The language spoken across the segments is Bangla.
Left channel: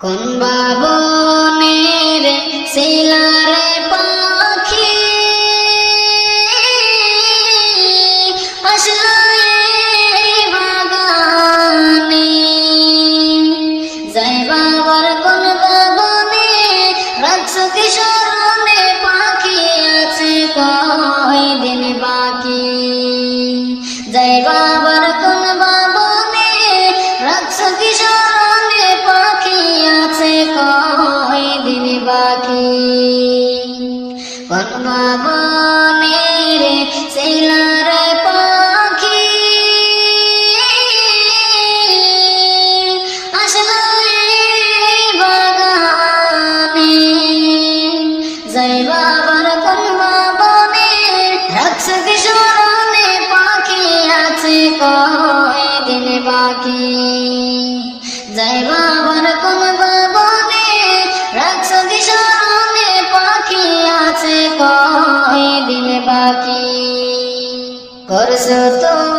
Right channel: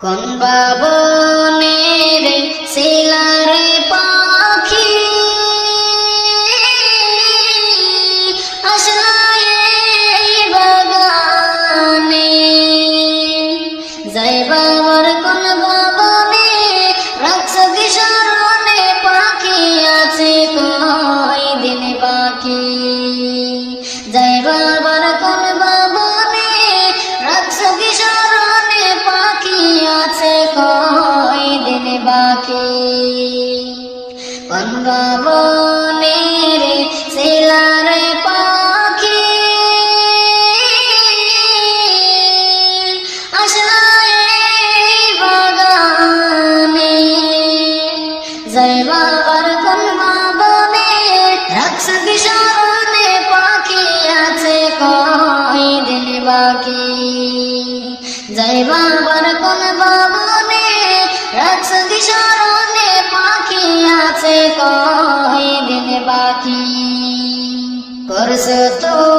কোন বাবনের শিলার পাখি? আসলাই বাগানে যাই বাবার কোন কোন দিন বাকি করছ তুমি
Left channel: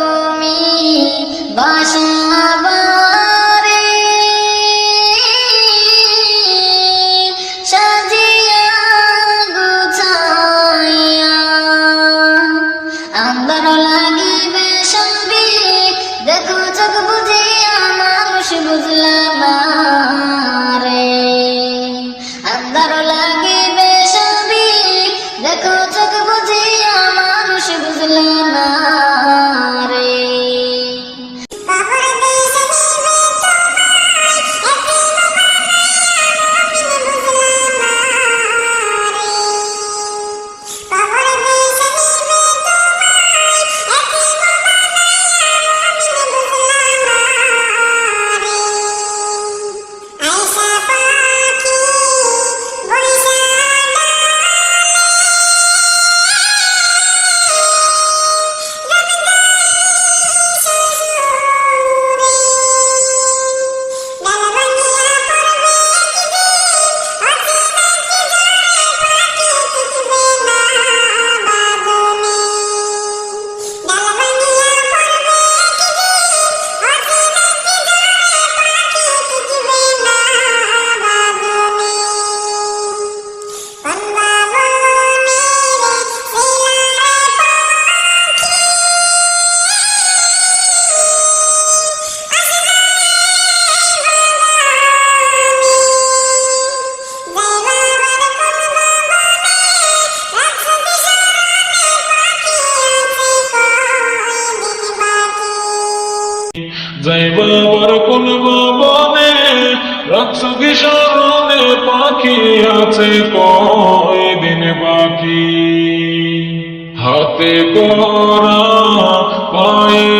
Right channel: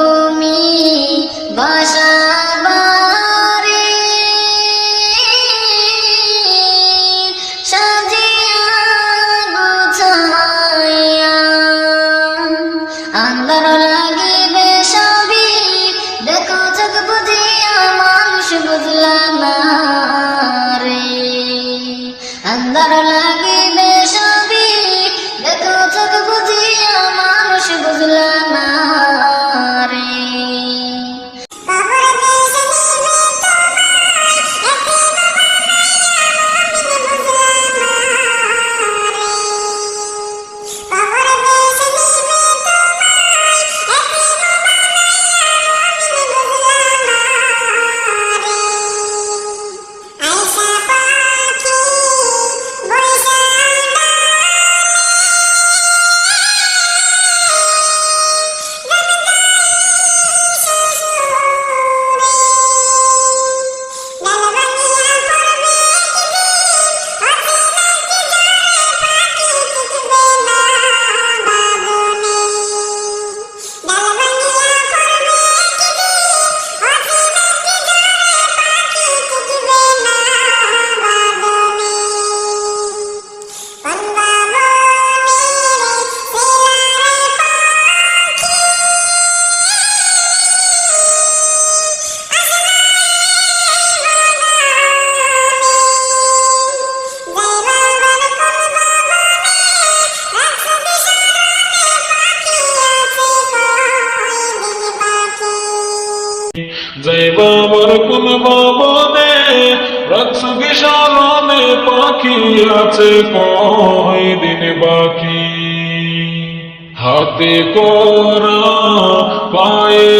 আছে দিন বাকি। হাতে করা পায়ে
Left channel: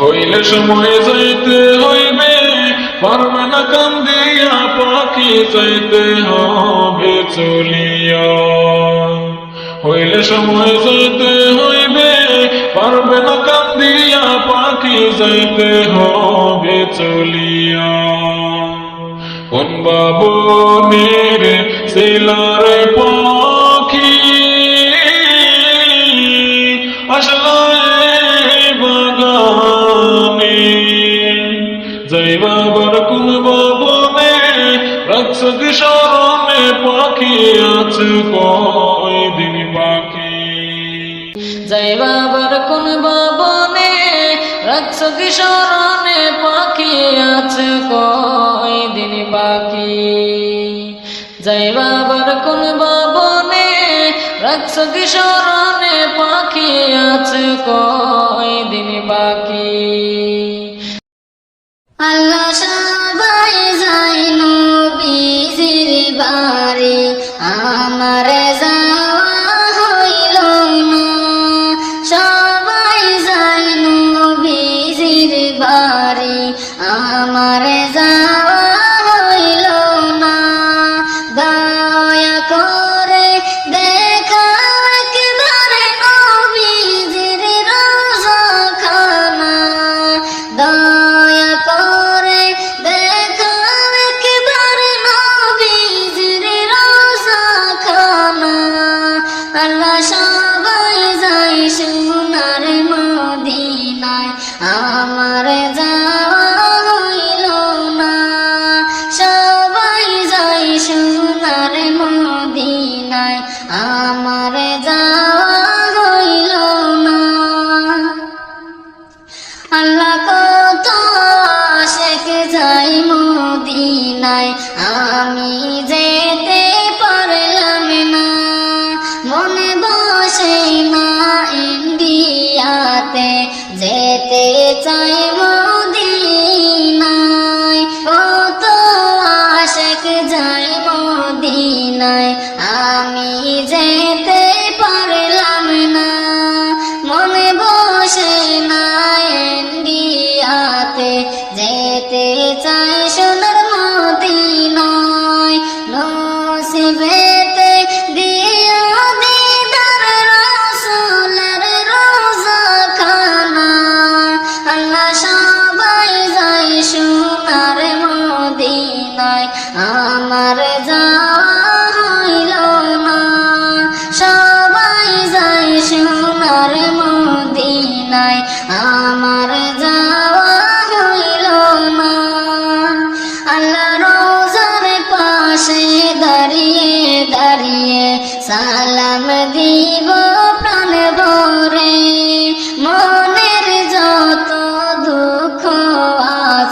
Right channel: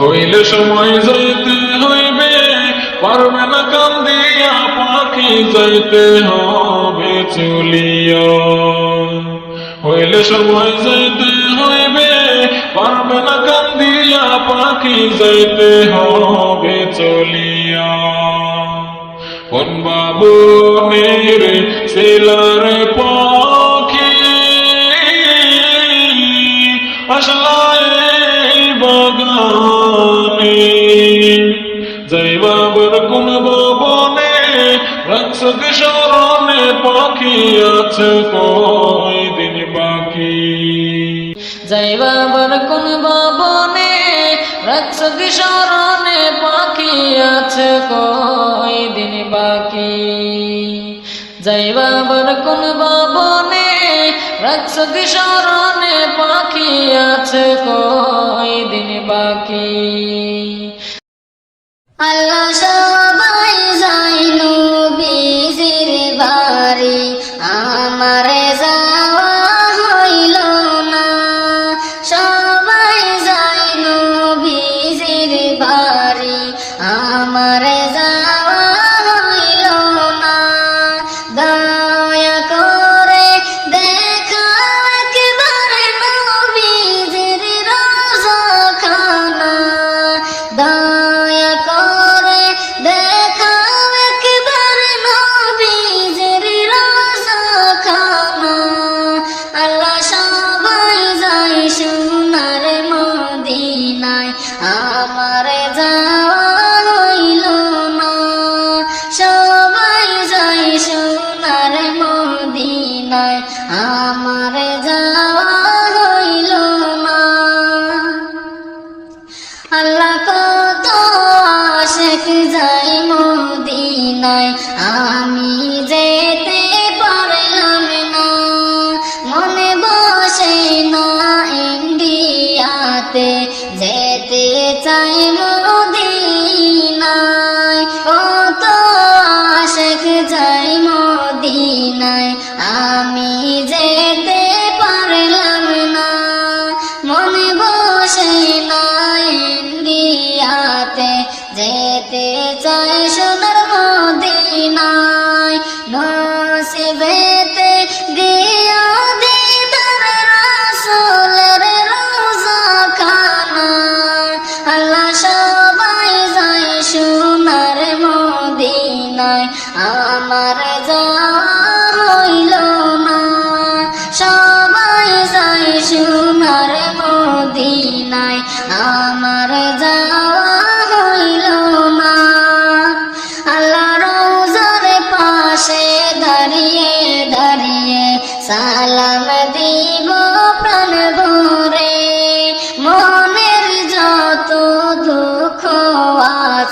হইলে সময় যাইতে হইবে, পারবে না কান্দিয়া, পাখি যাইতে হবে চলিয়া। হইলে সময় যাইতে হইবে যাইতে হবে, চলিয়া। কোন বাবু মেরে সেলারে পাখি আসলে বাগানে। জয় বাবর কোন বনে রক্ষক স্মরণে পাখি আছে কই দিন বাকি। জয় বাবার কোন বাবনে রাখছ কিশোরণে পাখি আছে কই দিন বাকি? জয় বাবার কোন বাবনে, রাখছ কিশোরণে পাখি আছে কই দিন বাকি? আল্লাহ আমার যাওয়া সবাই যাই সোনার মদিনায়, আমার যাওয়া হইল না। আল্লাহ কত শেখ যাই মদিনায়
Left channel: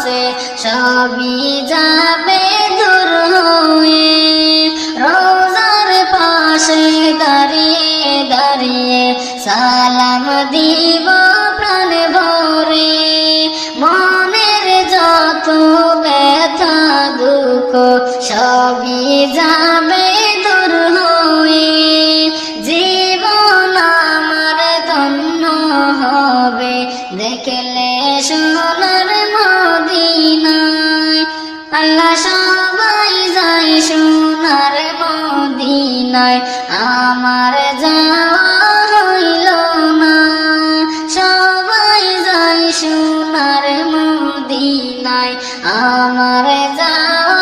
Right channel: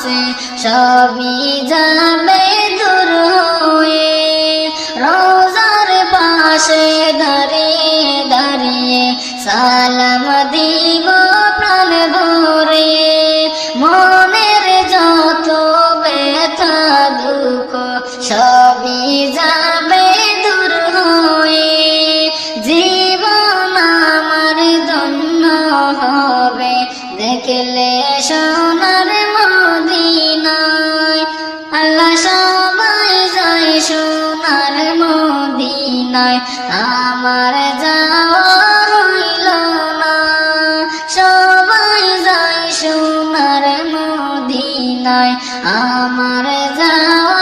আছে সবই যাবে মদিনায় আমার যাওয়া